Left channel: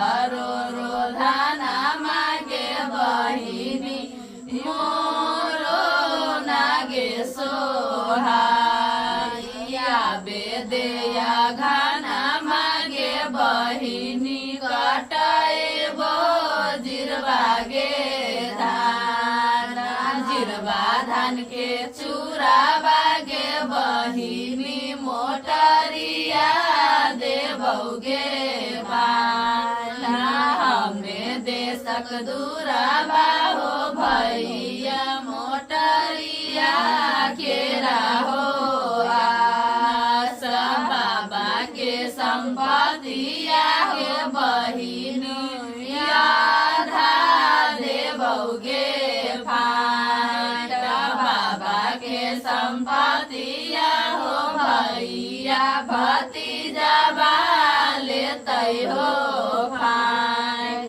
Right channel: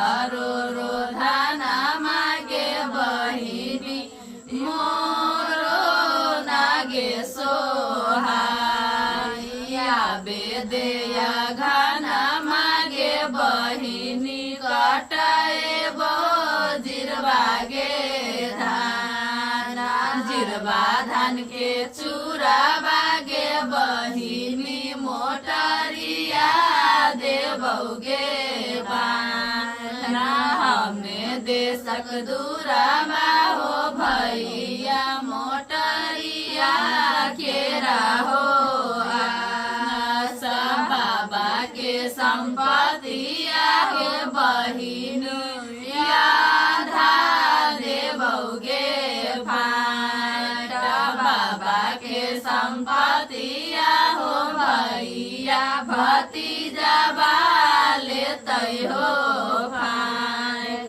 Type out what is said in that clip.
रो रो धाना मागे बहिनी मोरो नागे सोहाइया बेदेया घाना मागे बहिनी कटाए बो जिरबागे धान जिरबा धान के चूरा बागे बहिनी मोटरिया देबौगे हमें देशक दूराबा हो भैया मोटरिया खेरा हो